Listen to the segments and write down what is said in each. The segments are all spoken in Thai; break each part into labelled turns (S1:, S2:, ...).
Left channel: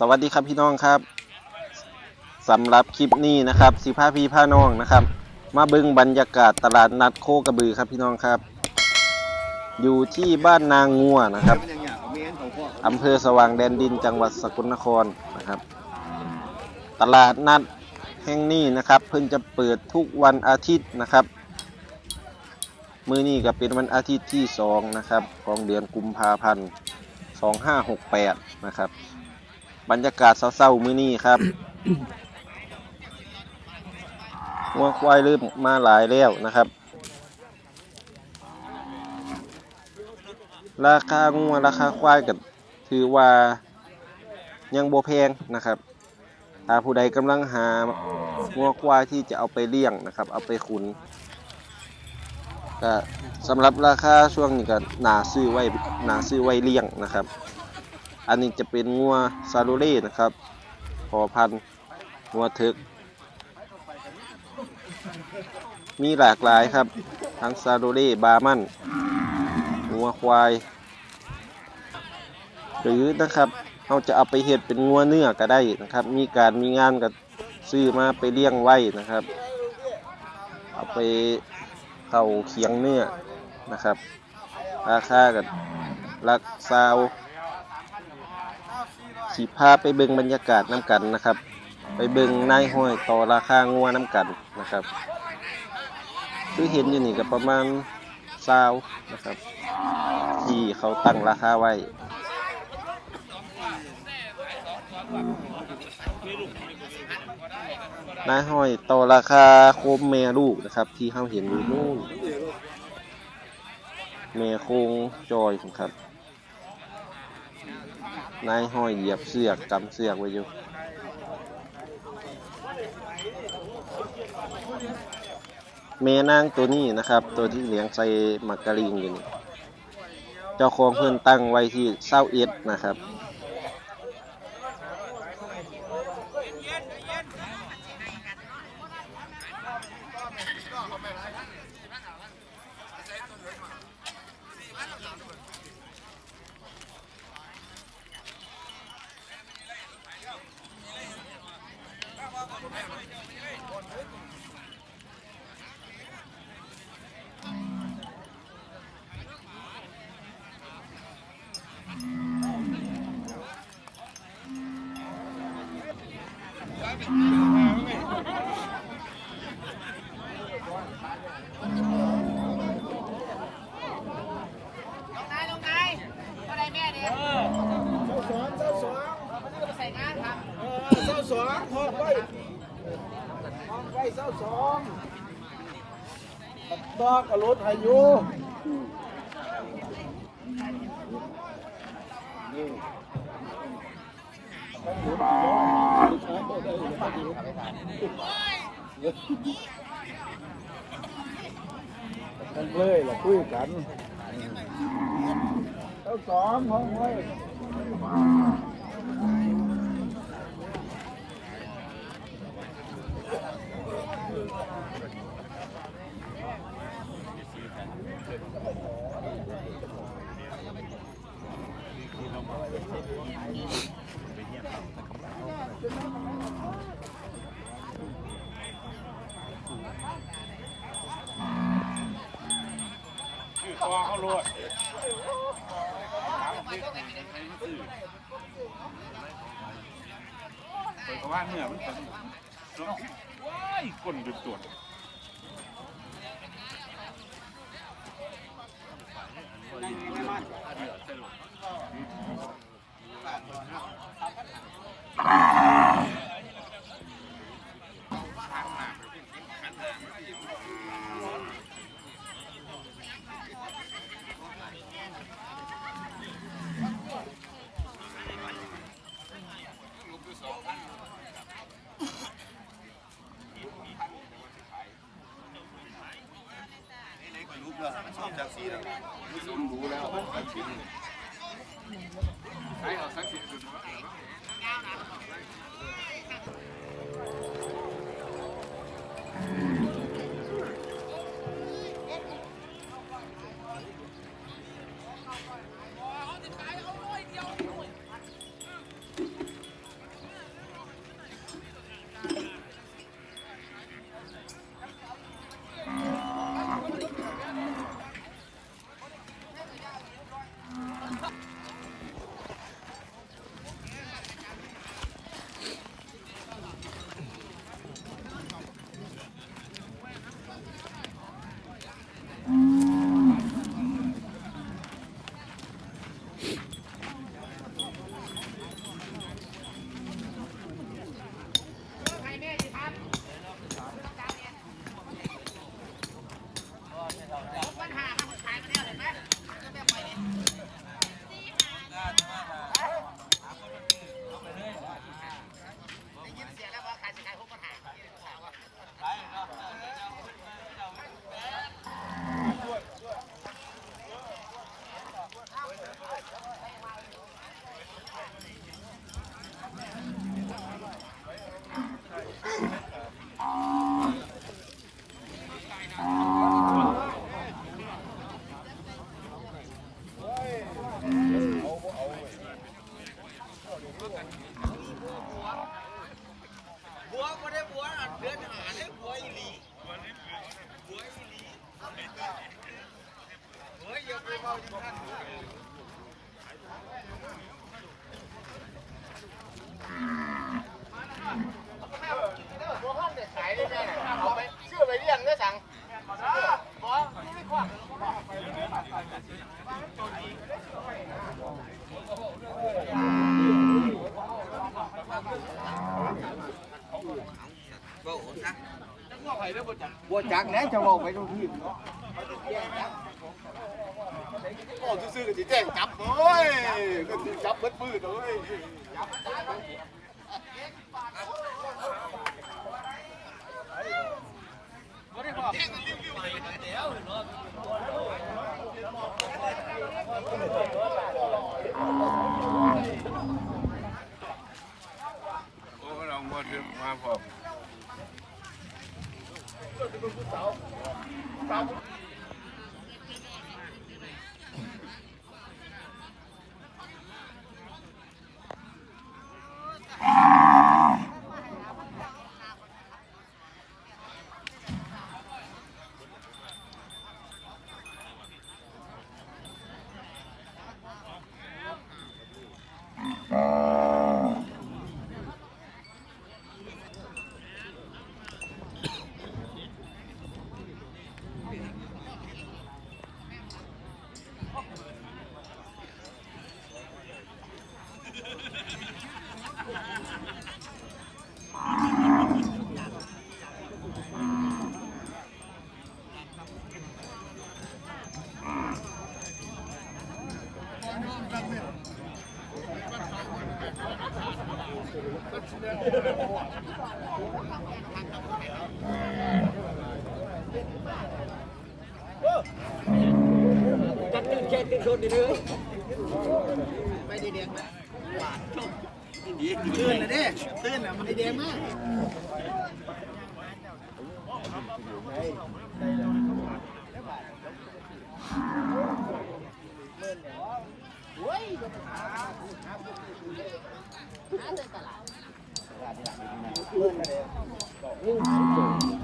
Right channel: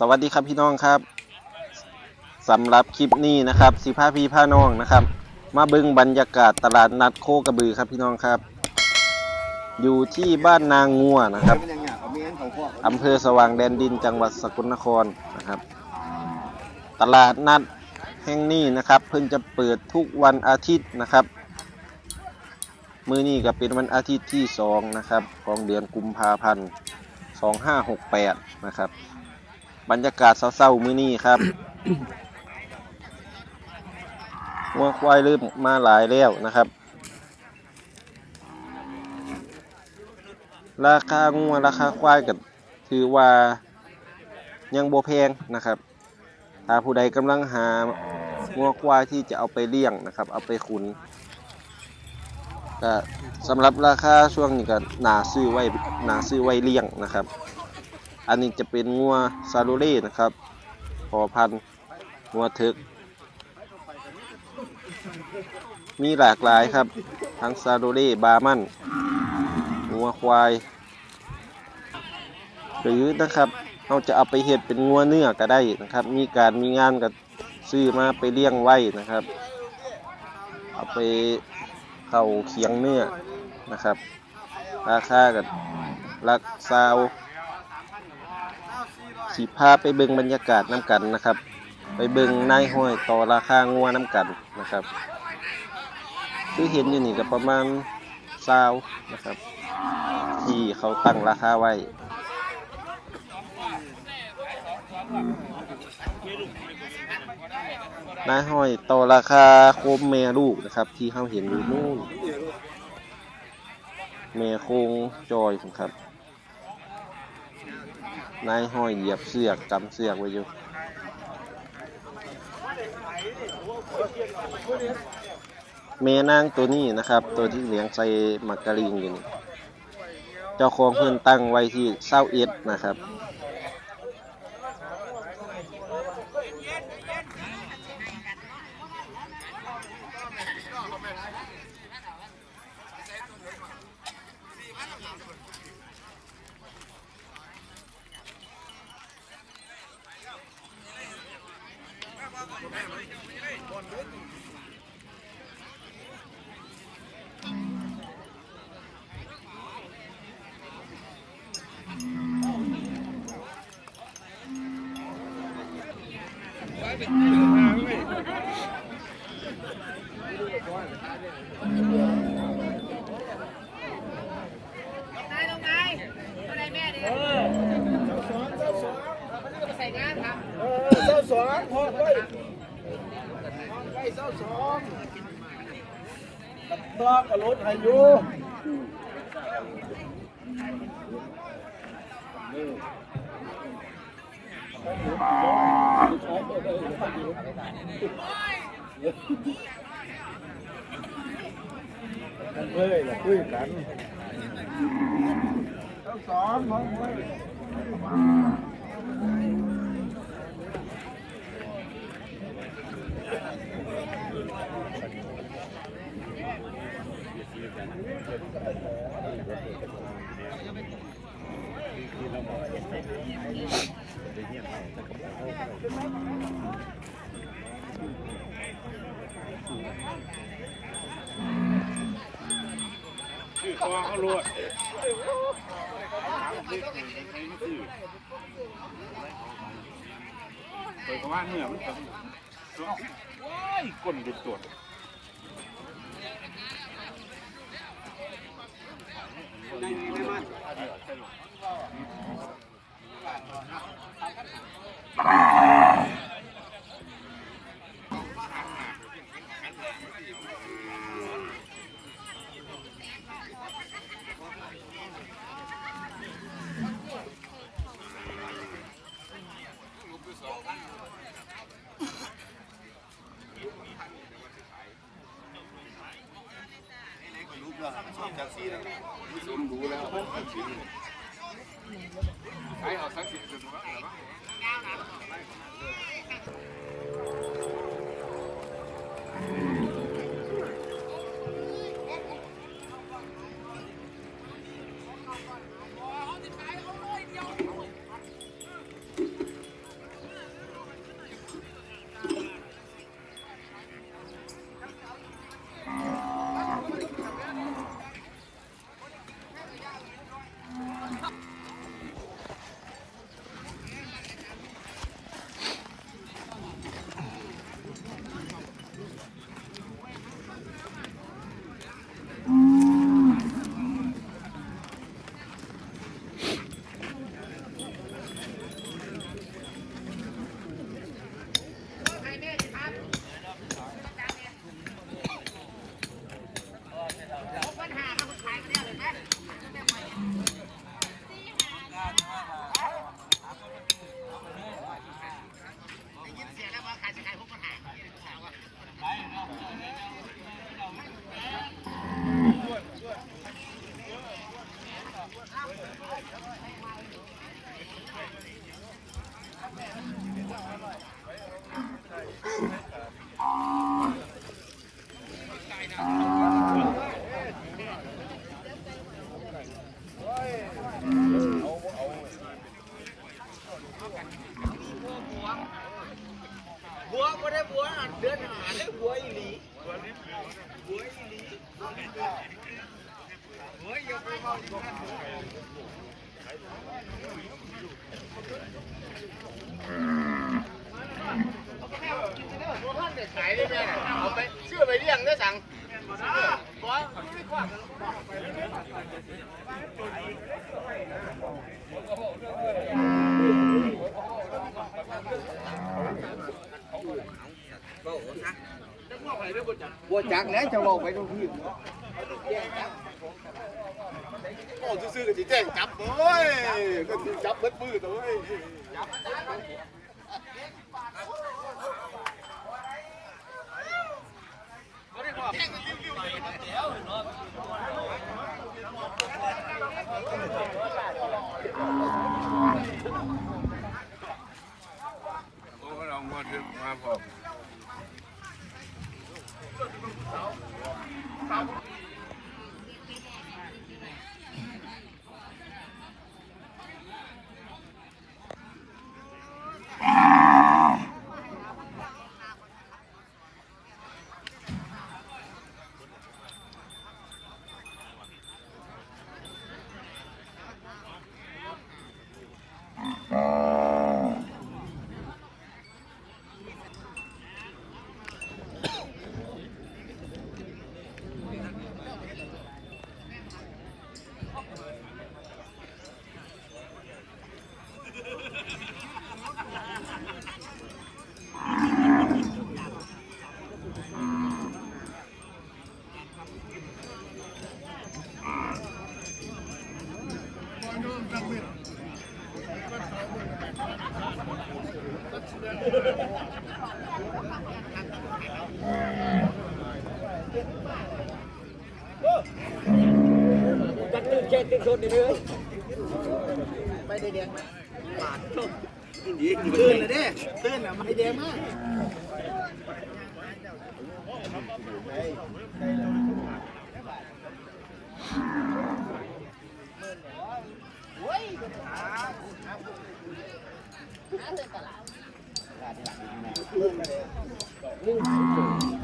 S1: สวัสดีครับพี่น้องครับสำหรับคลิปนี้นะครับสิพาพี่พาน้องนะครับ มาเบิ่งบรรยากาศตลาดนัดโคกระบือครับพี่น้องครับ อยู่ที่บ้านนางงัวนะครับ
S2: อำ
S1: เภอสว่างแดนดินจังหวัดสกลนครนะครับ ตลาดนัดแห่งนี้นะครับ เพิ่งจะเปิดทุกวันอาทิตย์นะครับมื้อนี้ก็เป็นวันอาทิตย์ที่สองนะครับของเดือนกุมภาพันธ์2568นะครับ บรรยากาศเศร้าๆมื้อนี้ครับวัวควายเริ่มมาหลายแล้วนะครับ ราคางัวราคาควายกับถือว่ายังโบแพงนะครับ ถ้าผู้ใดกำลังหางัวควายที่จะเอาไปเลี้ยงนะครับ เอาไปขุนก็สำหรับราคาช่วงนี้ก็นาซื้อไว้น่าซื้อไว้เลี้ยงนะครับ อันนี้จะเป็นงัวซาโรเล่นะครับพอพันงัวทึก มีหลากหลายครับ ทั้งซาโรเล่บามันงัวควาย หรือนะครับเราจะเอาไปเห็ดเป็นงัวเนื้อก็ได้นะครับ มีการมีงานก็ซื้อมาไปเลี้ยงไว้นะครับ เอาไปเข้าเคียงเนื้อนะครับ ราคากับลักซาว สีพาไปเบิงบรรยากาศน้ำกันนะครับ ไปเบิงนายห้อยต่อราคางัวน้ำกันนะครับคือเห็นอยู่นี่ก็ประมาณซาวนะครับ ที่เขาตั้งราคาไว้นายห้อยต่อราคาโคมแม่ลูกนะครับ ที่เขาเห็นอยู่นู่นแม่โคงจอยครับ นายห้อยเหยียบเสือกกำเสือกไว้อยู่เมนางตัวนี้นะครับ ตัวที่เลี้ยงใส่มักกะลิงอยู่นี่เจ้าของเพื่อนตั้งไว้ที่เศร้าเอ็ดนะครับ
S3: เด็กใส่งานครับ
S2: เออเจ้าสองหอกไว้หอกไว้เจ้าสองดอกกระโลดให้อยู่กัน เลยล่ะคุยกันเจ้าสอง คอเขาลวด
S4: เปิดกว่าเหนื่อยมันเป็นว้ายก้นเป็นตัว ใช้เอาสักสิบสุดว่า
S3: เบั
S2: วจักนะจะบอกไปดูที่
S5: โอ้ซื่อๆก็จะแจ้งจับเลยก็สิจับเบิดมือเลยแจ้
S2: ง กตื่นแค่ตื่นคนดีเลยไปได้แดงไหมหวานจบตื่นเลยเด้ตื่นอะมันได้แดงมาก
S3: เอาขา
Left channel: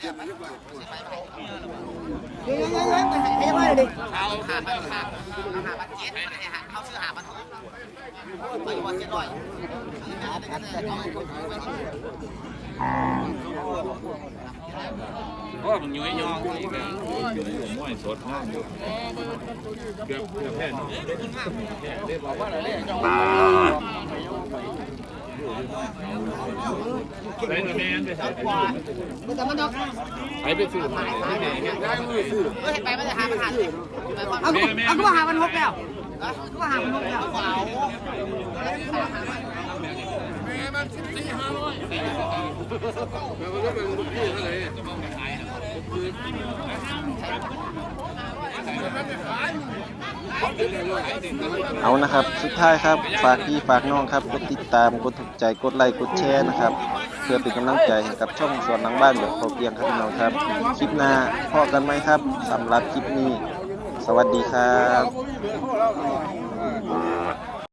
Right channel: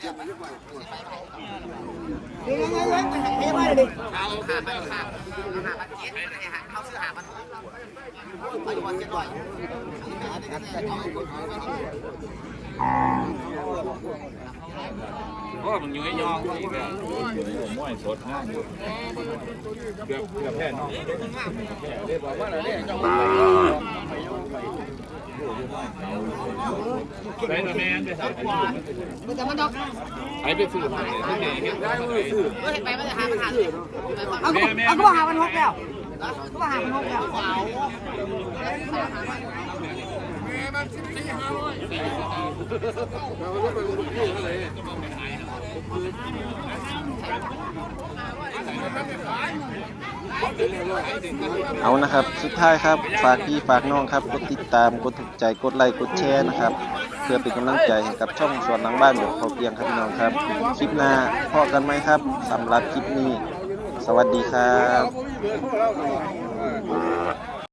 S3: ขาเอาขาบัตรเจ็ดไปหาเขาซื้อหาบัตรหกไปวันเจ็ดร้อย
S4: โอ้มันอยู่ให้ยองอีกแล้วม้อยสดย่องอยู่เกือบเกือบแพ้น้องไปตัวแม่ไปใส่ไปไป ไปซื้อมาได้มือซื้อ
S3: ไม่ไปไม่ได้หาขาด
S4: แม่แม่
S3: เอาก็หาบัตรหกแล้วก็หาบัตรหกแล้วเอา
S1: เเอานะครับ สุดท้ายครับ ฝากพี่ฝากน้องครับ กดติดตาม กดถูกใจ กดไลค์ กดแชร์นะครับ เพื่อเป็นกำลังใจให้กับช่องสวนหลังบ้านแบบพอเพียงครับพี่น้องครับ คลิปหน้าพอกันไหมครับสำหรับคลิปนี้ สวัสดีครับ